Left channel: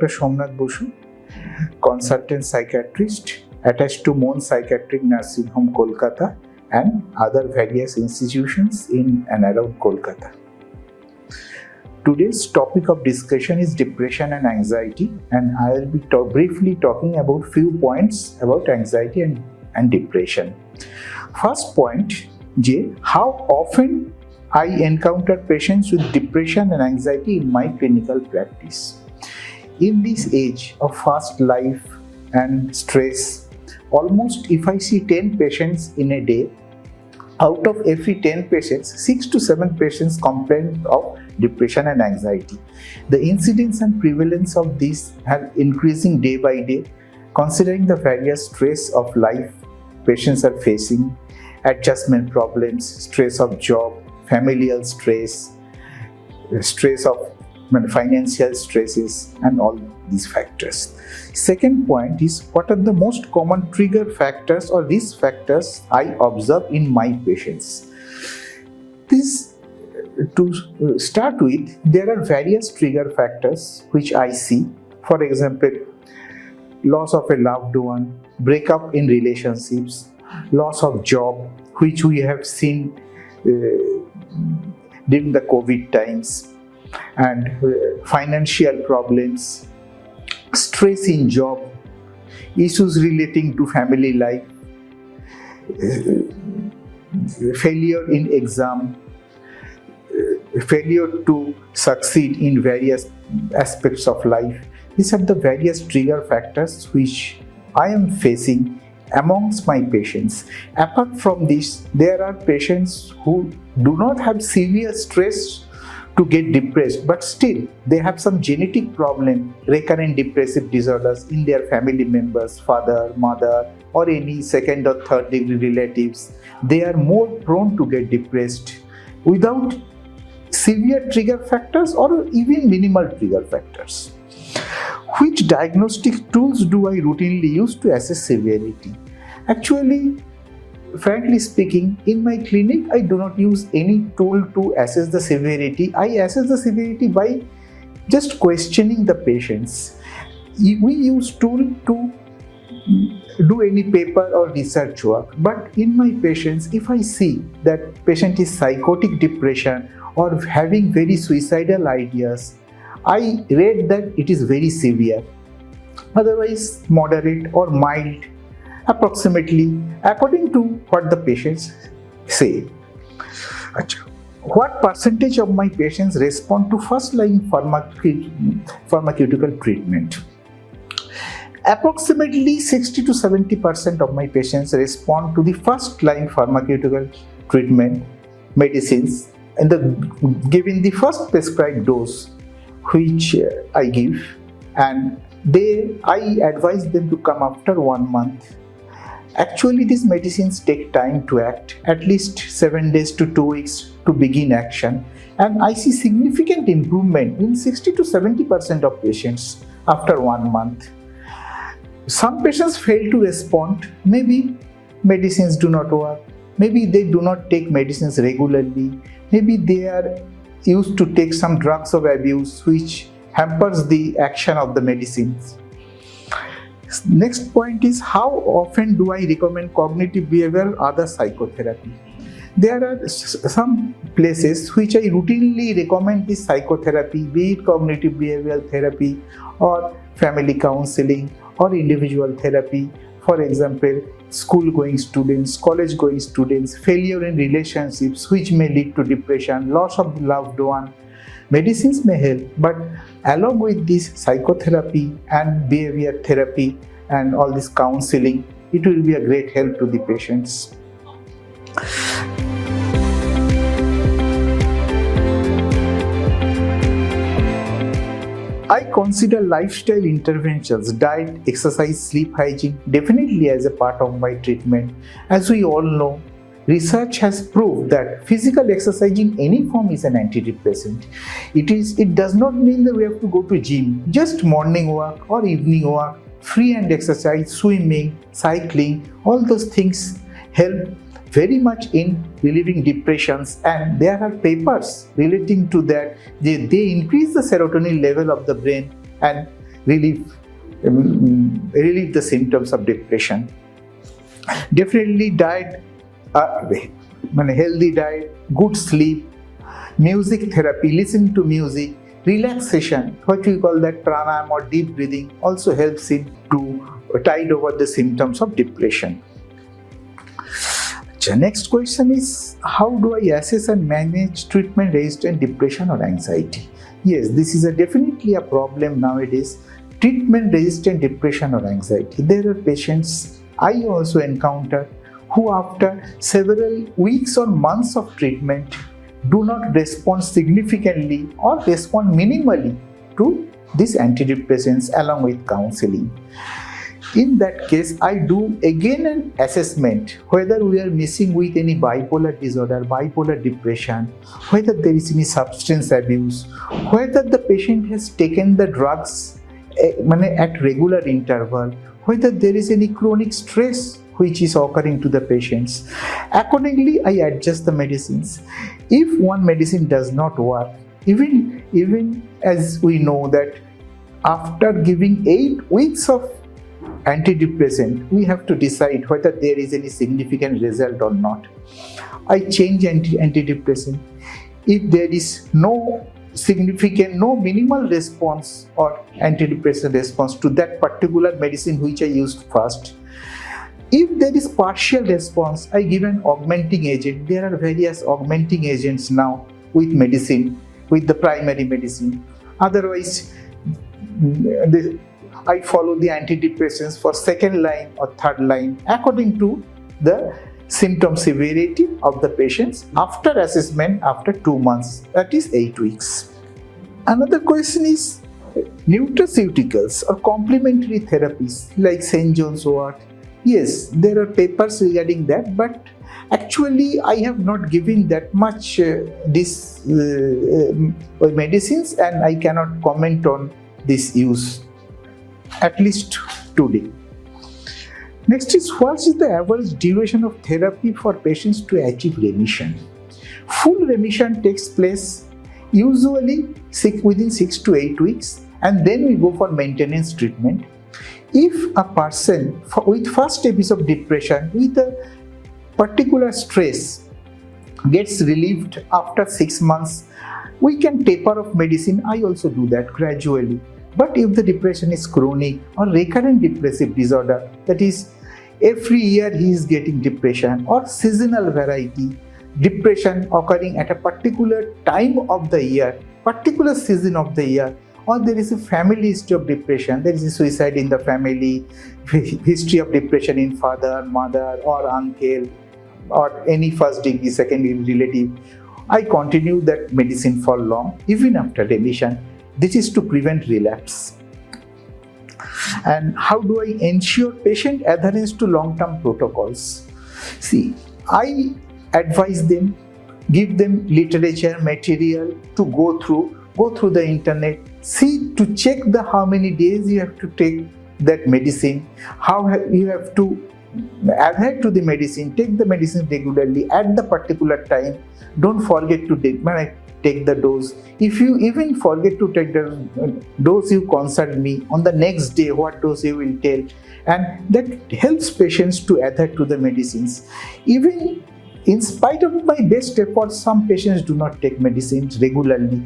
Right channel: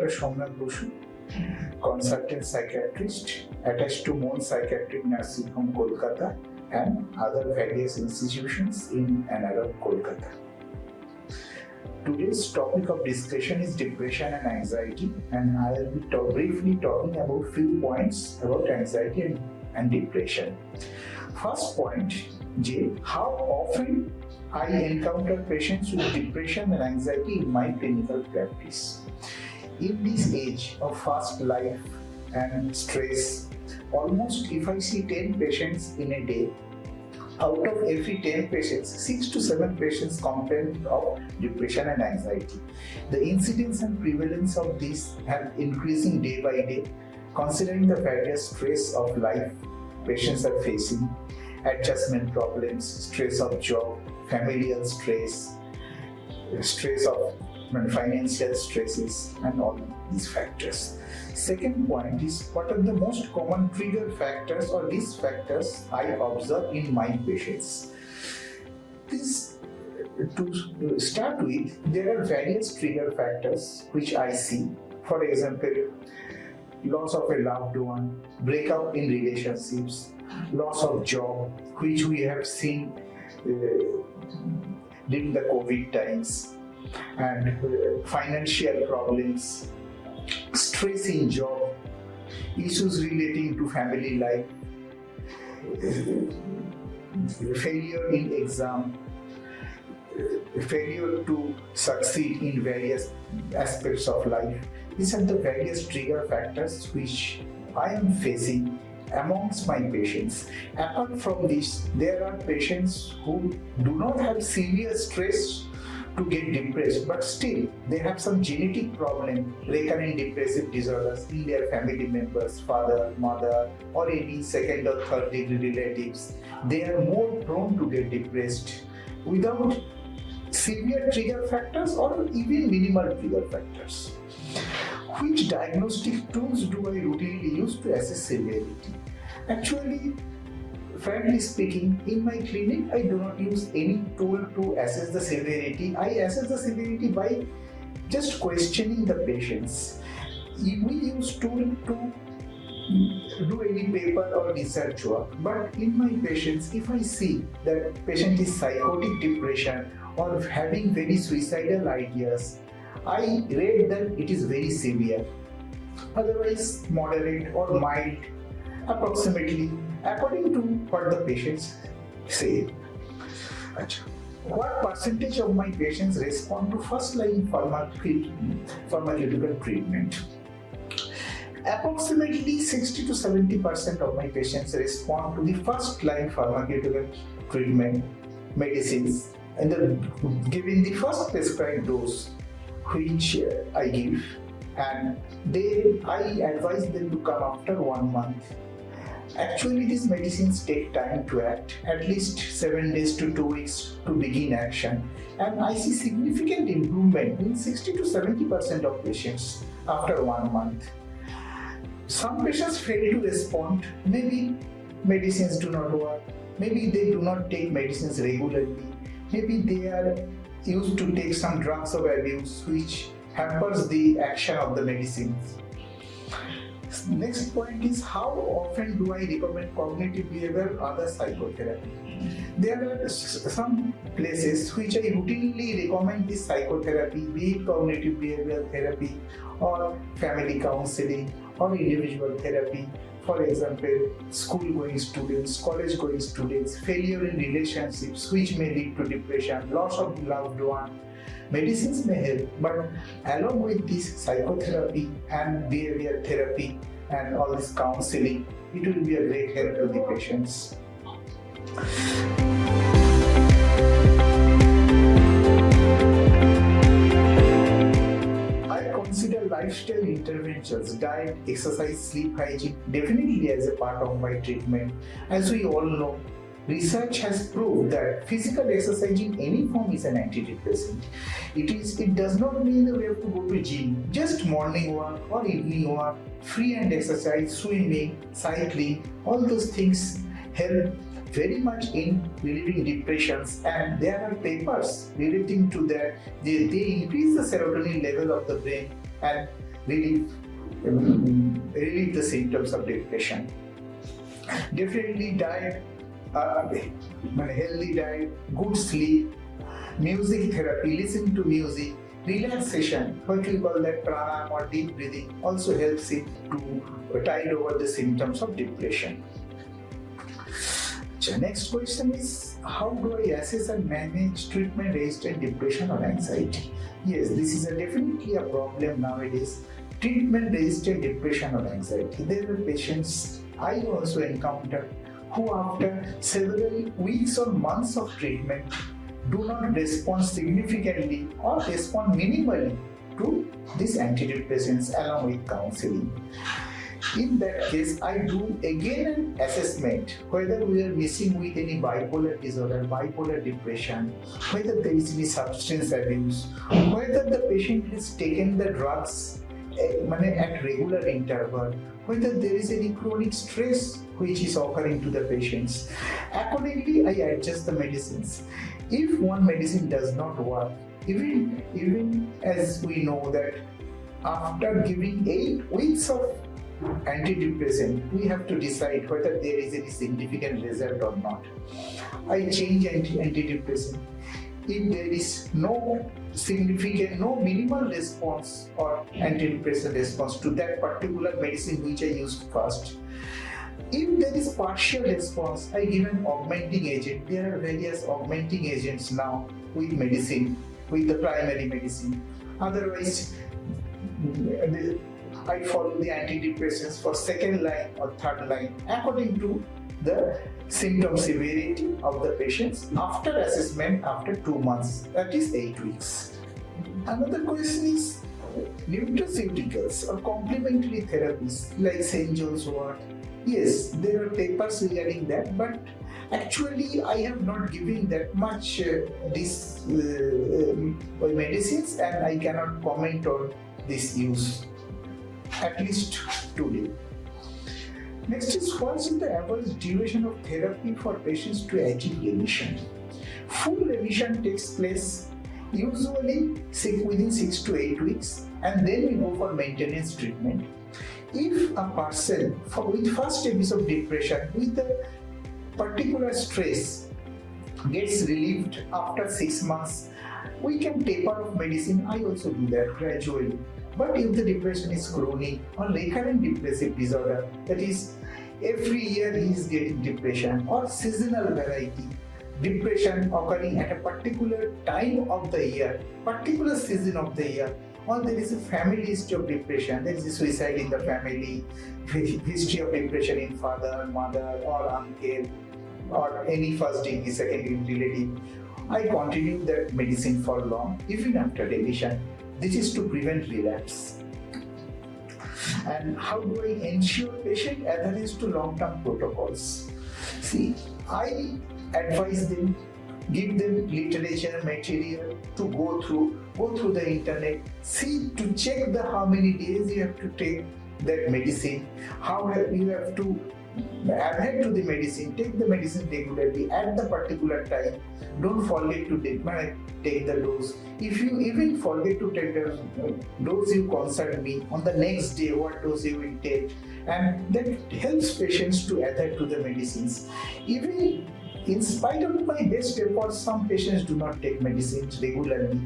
Dr. Somnath Basu, consultant psychiatrist attached to Mon Psychiatric Nursing Home, Kolkata, and other various institutions in and around Kolkata. Today's topic of discussion is depression and anxiety, and I will be briefly talking about few points about anxiety and depression. First point, how often I encounter patients with depression and anxiety in my clinical practice. In this age of fast life and stress, almost if I see 10 patients in a day, out of every 10 patients, 6 to 7 patients complain of depression and anxiety. The incidence and prevalence of these are increasing day by day, considering the various stress of life patients are facing, adjustment problems, stress of job, familial stress, stress of financial stresses, and all these factors. Second point is, what are the most common trigger factors or risk factors I observe in my patients? To start with, there are various trigger factors which I see. For example, loss of a loved one, breakup in relationships, loss of job, which we have seen during the COVID times, and financial problems, stress in job, issues relating to family life, failure in exam, failure to succeed in various aspects of life. These are the various trigger factors which I am facing amongst my patients. Apart from this, there are patients who do not have severe stress to get depressed, but still they have some genetic problem, recurrent depressive disorders in their family members, father, mother, or any second or third degree relatives. They are more prone to get depressed without severe trigger factors or even minimal trigger factors. Which diagnostic tools do I routinely use to assess severity? Actually, frankly speaking, in my clinic, I do not use any tool to assess the severity. I assess the severity by just questioning the patients. We use tool to do any paper or research work. But in my patients, if I see that patient is psychotic depression or having very suicidal ideas, I rate that it is very severe. Otherwise, moderate or mild, approximately according to what the patients say. What percentage of my patients respond to first-line pharmaceutical treatment? Approximately 60 to 70% of my patients respond to the first-line pharmaceutical treatment medicines and given the first prescribed dose which I give, and I advise them to come after 1 month. Actually, these medicines take time to act, at least 7 days to 2 weeks to begin action, and I see significant improvement in 60 to 70% of patients after 1 month. Some patients fail to respond. Maybe medicines do not work, maybe they do not take medicines regularly, maybe they are used to take some drugs of abuse which hampers the action of the medicines. Next point is, how often do I recommend cognitive behavioral other psychotherapy? There are some places which I routinely recommend is psychotherapy, be it cognitive behavioral therapy or family counseling or individual therapy. For example, school-going students, college-going students, failure in relationships which may lead to depression, loss of loved one. Medicines may help, but along with this psychotherapy and behavior therapy and all this counseling, it will be a great help to the patients. I consider lifestyle interventions, diet, exercise, sleep hygiene definitely as a part of my treatment. As we all know, research has proved that physical exercise in any form is an antidepressant. It does not mean that we have to go to gym. Just morning walk or evening walk, free hand exercise, swimming, cycling, all those things help very much in relieving depressions, and there are papers relating to that. They increase the serotonin level of the brain and relieve the symptoms of depression. Definitely diet, healthy diet, good sleep, music therapy, listening to music, relaxation, what we call that pranayama or deep breathing, also helps in to tide over the symptoms of depression. The next question is, how do I assess and manage treatment-resistant depression or anxiety? Yes, this is definitely a problem nowadays. Treatment-resistant depression or anxiety. There are patients I also encounter who after several weeks or months of treatment do not respond significantly or respond minimally to these antidepressants along with counseling. In that case, I do again an assessment whether we are missing with any bipolar disorder, bipolar depression, whether there is any substance abuse, whether the patient has taken the drugs at regular interval, whether there is any chronic stress which is occurring to the patients. Accordingly, I adjust the medicines. If one medicine does not work, even as we know that after giving 8 weeks of antidepressant, we have to decide whether there is any significant result or not. I change antidepressant. If there is no significant, no minimal response or antidepressant response to that particular medicine which I used first, if there is partial response, I give an augmenting agent. There are various augmenting agents now with medicine, with the primary medicine. Otherwise, I follow the antidepressants for second line or third line according to the symptom severity of the patients after assessment after 2 months, that is 8 weeks. Another question is nutraceuticals or complementary therapies like St. John's wort. Yes, there are papers regarding that, but actually I have not given that much these medicines, and I cannot comment on this use, at least today. Next is, what is the average duration of therapy for patients to achieve remission? Full remission takes place usually within 6 to 8 weeks, and then we go for maintenance treatment. If a person with first episode of depression with a particular stress gets relieved after 6 months, we can taper off medicine. I also do that gradually. But if the depression is chronic or recurrent depressive disorder, that is every year he is getting depression, or seasonal variety, depression occurring at a particular time of the year, particular season of the year, or there is a family history of depression, there is a suicide in the family, history of depression in father, mother or uncle or any first degree, second degree relative, I continue that medicine for long, even after remission. This is to prevent relapse. And how do I ensure patient adherence to long-term protocols? See, I advise them, give them literature material to go through the internet, see to check how many days you have to take that medicine, you have to adhere to the medicine, take the medicine regularly at the particular time. Don't forget to take the dose. If you even forget to take the dose, you consult me on the next day what dose you will take, and that helps patients to adhere to the medicines. Even in spite of my best efforts, some patients do not take medicines regularly.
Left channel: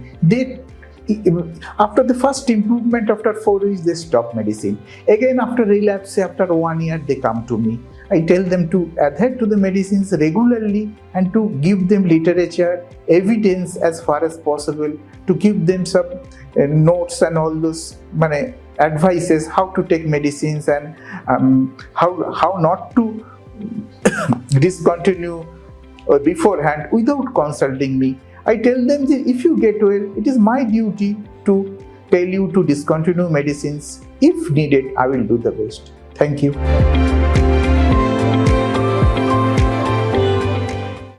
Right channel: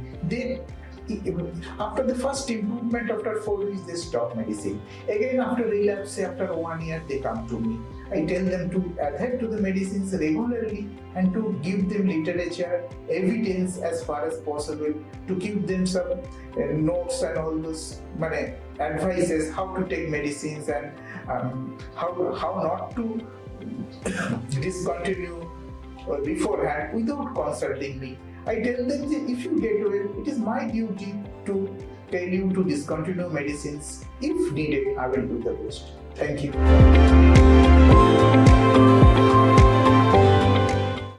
After the first improvement, after 4 weeks, they stop medicine. Again, after relapse, after 1 year, they come to me. I tell them to adhere to the medicines regularly and to give them literature, evidence as far as possible, to give them some notes and all those advices how to take medicines and how not to discontinue beforehand without consulting me. I tell them that if you get well, it is my duty to tell you to discontinue medicines. If needed, I will do the best. Thank you.